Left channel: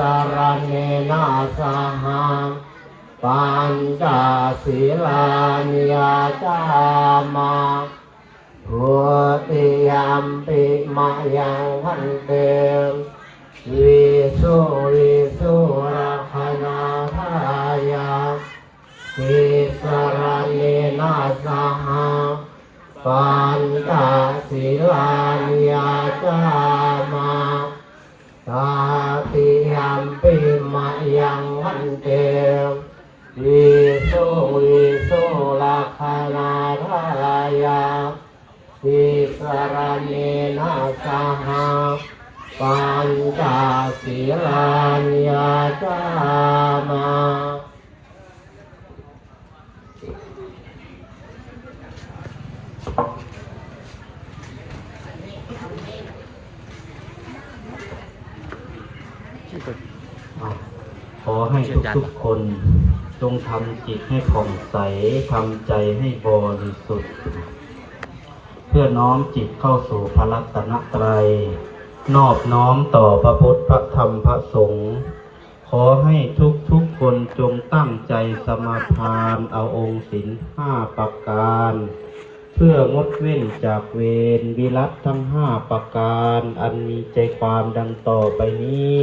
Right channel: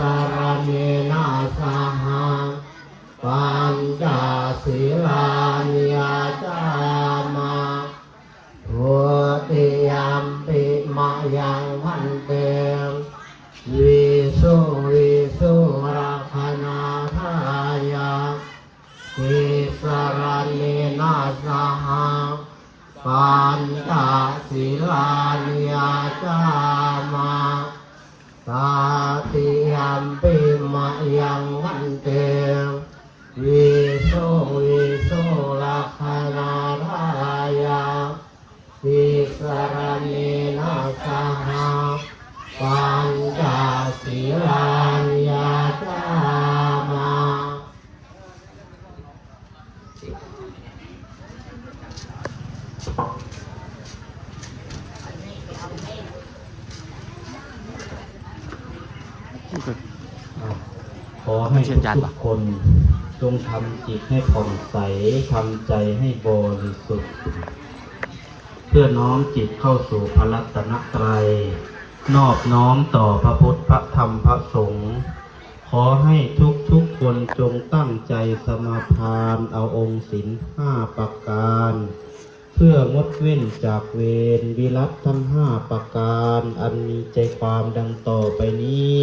ติสรเนนาสหังปัญจศีลานิยจามาพุติยัมปิมะยังพันเตวิสุวิสุรักขณาทายาติสรเนนาสหังปัญจศีลานิยจามาตาติยัม ปิมะยังวันเทวี อให้ทุกทุกๆคน จงทำจิตให้ผ่องใสทำใจให้บริสุทธิ์ เพื่อน้อมจิตเข้าสู่พระรัตนตรัย นอบน้อมต่อพระพุทธพระธรรมพระสงฆ์ ขอให้ทุกทุกๆคนจงตั้งใจสมาทานเอาองค์ศีลห้าประการ เพื่องดเว้นจากเวรวิรัตทั้งห้าประการ อันมีใจความดังต่อไปนี้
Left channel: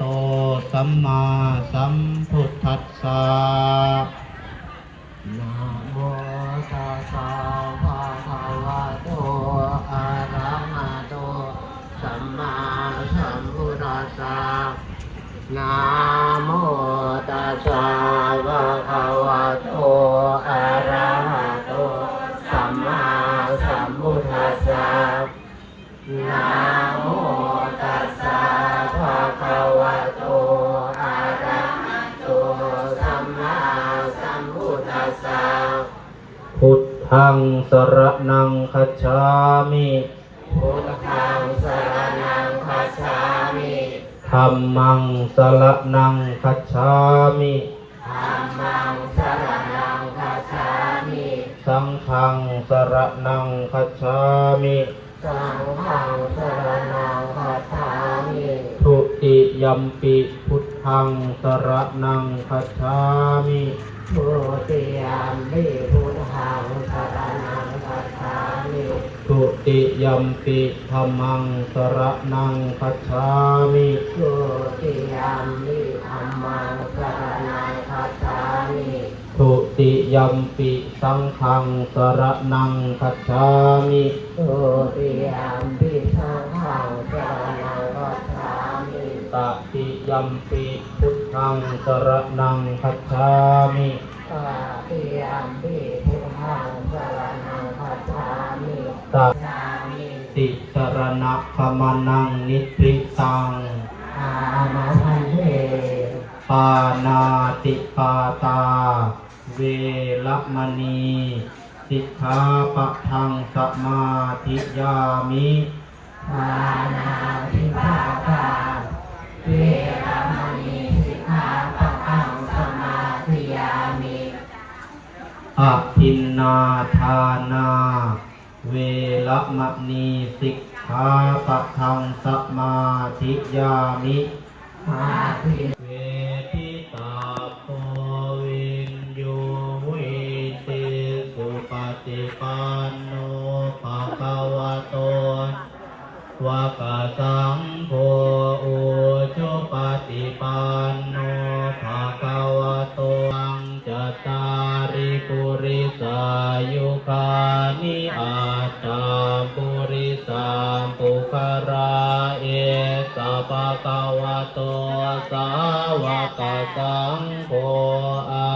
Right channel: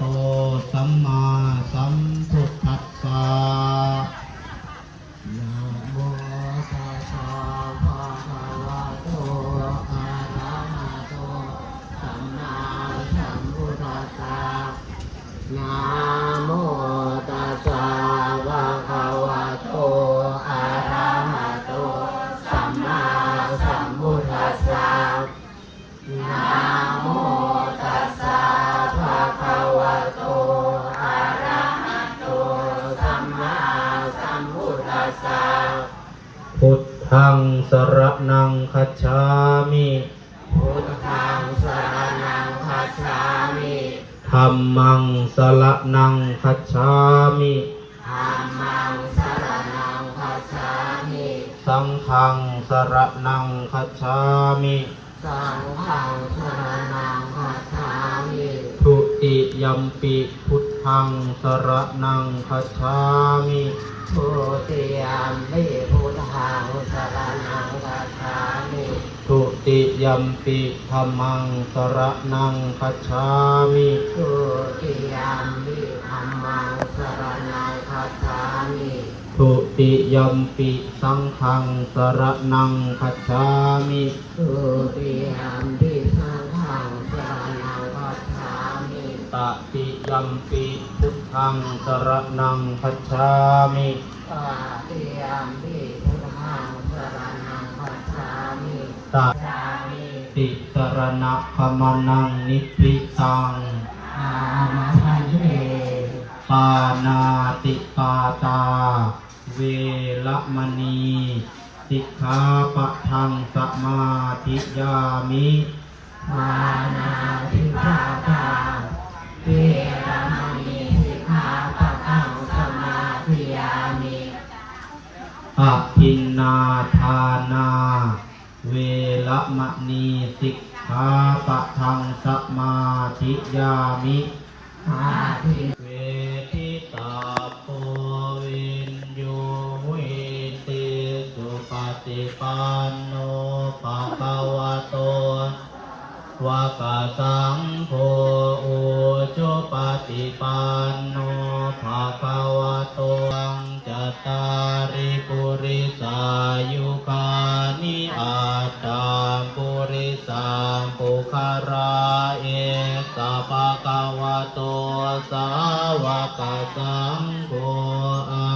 ต สัมมาสัมพุทธัสสะนะโมตัสสะภะคะวะโตอะระหะโตสัมมาสัมพุทธัสสะนะโมตัสสะภะคะวะโตอะระหะโตสัมมาสัมพุทธัสสะพุทธังสรนังคัจฉามิ พุทธังสรนังคัจฉามิธัมมังสรนังคัจฉามิธัมมังสรนังคัจฉามิสังฆังสรนังคัจฉามิสังฆังสรนังคัจฉามิทุติยัมปิพุทธังสรนังคัจฉามิทุติยัมปิพุทธังสรนังคัจฉามิทุ ติยัมปิธัมมังสรนังคัจฉามิทุติยัมปิธัมมังสรนังคัจฉามิทุติยัมปิสังฆังสรนังคัจฉามิทุติยัมปิสังฆังสรนังคัจฉามิตติยัมปิพุทธังสรนังคัจฉามิตติยัมปิพุทธังสรนังคัจฉามิ ตติสรณะขมานังนิพพิตังอานาพันเทปานาติปาตา เวลมณีสิกขาปะทังสมาธิยามิปานาติปาตา เวลมณีสิกขาปะทังสมาธิยามิอะทินนาทานา เวละมณีสิกขาปะทังสมาธิยามิอาทิเวทิตาโพวินโยเวเตสุปฏิปันโนภะคะวะโตวากาสังโฆอุชุปฏิปัน ตตาริปุริสายุคานิอาตาปุริสามปุคาราเอสะภะคะวโตสาวกสังโฆอา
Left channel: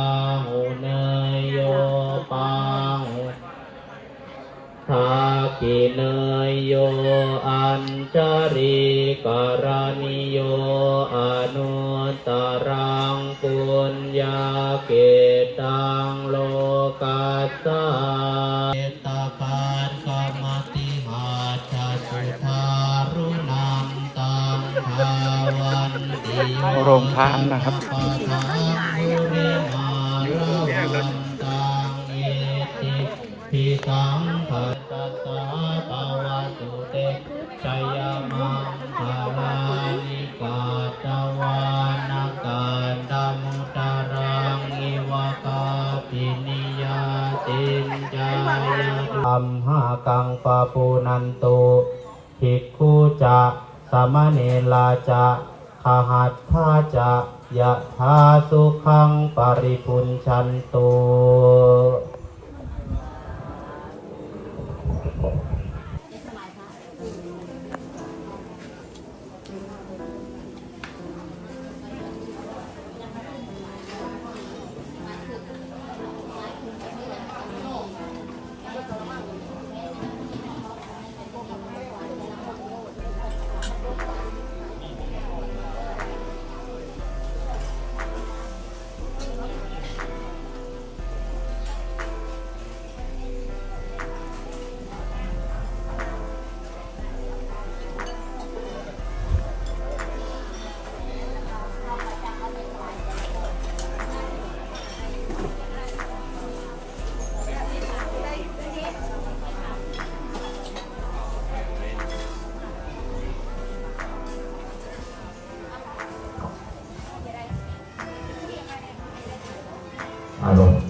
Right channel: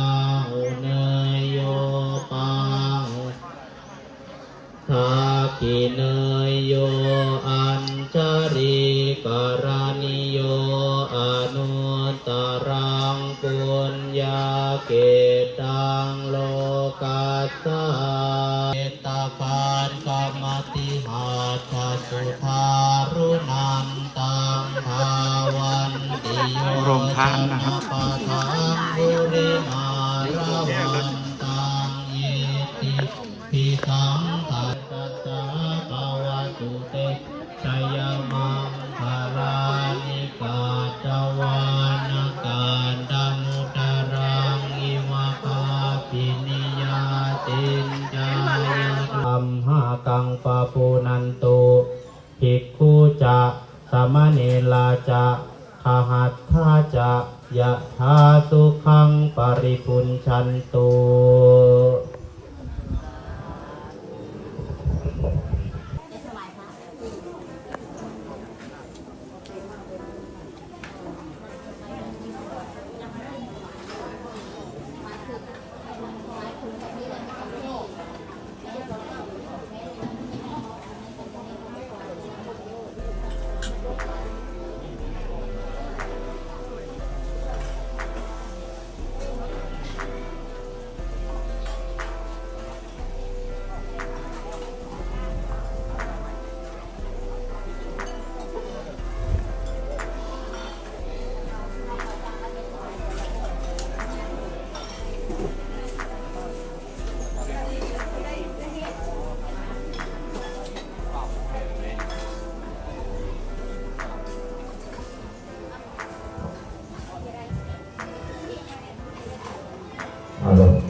หุเนยโยปังทาคิเนยโยอัญจริกรณิ ปินิยาตินจายาธัมหากังปะปูนันตุภิกขุจะสมเณลาจะ ขหัตถาจะยะธาสุขังปริปุญชันตุ อารมณ์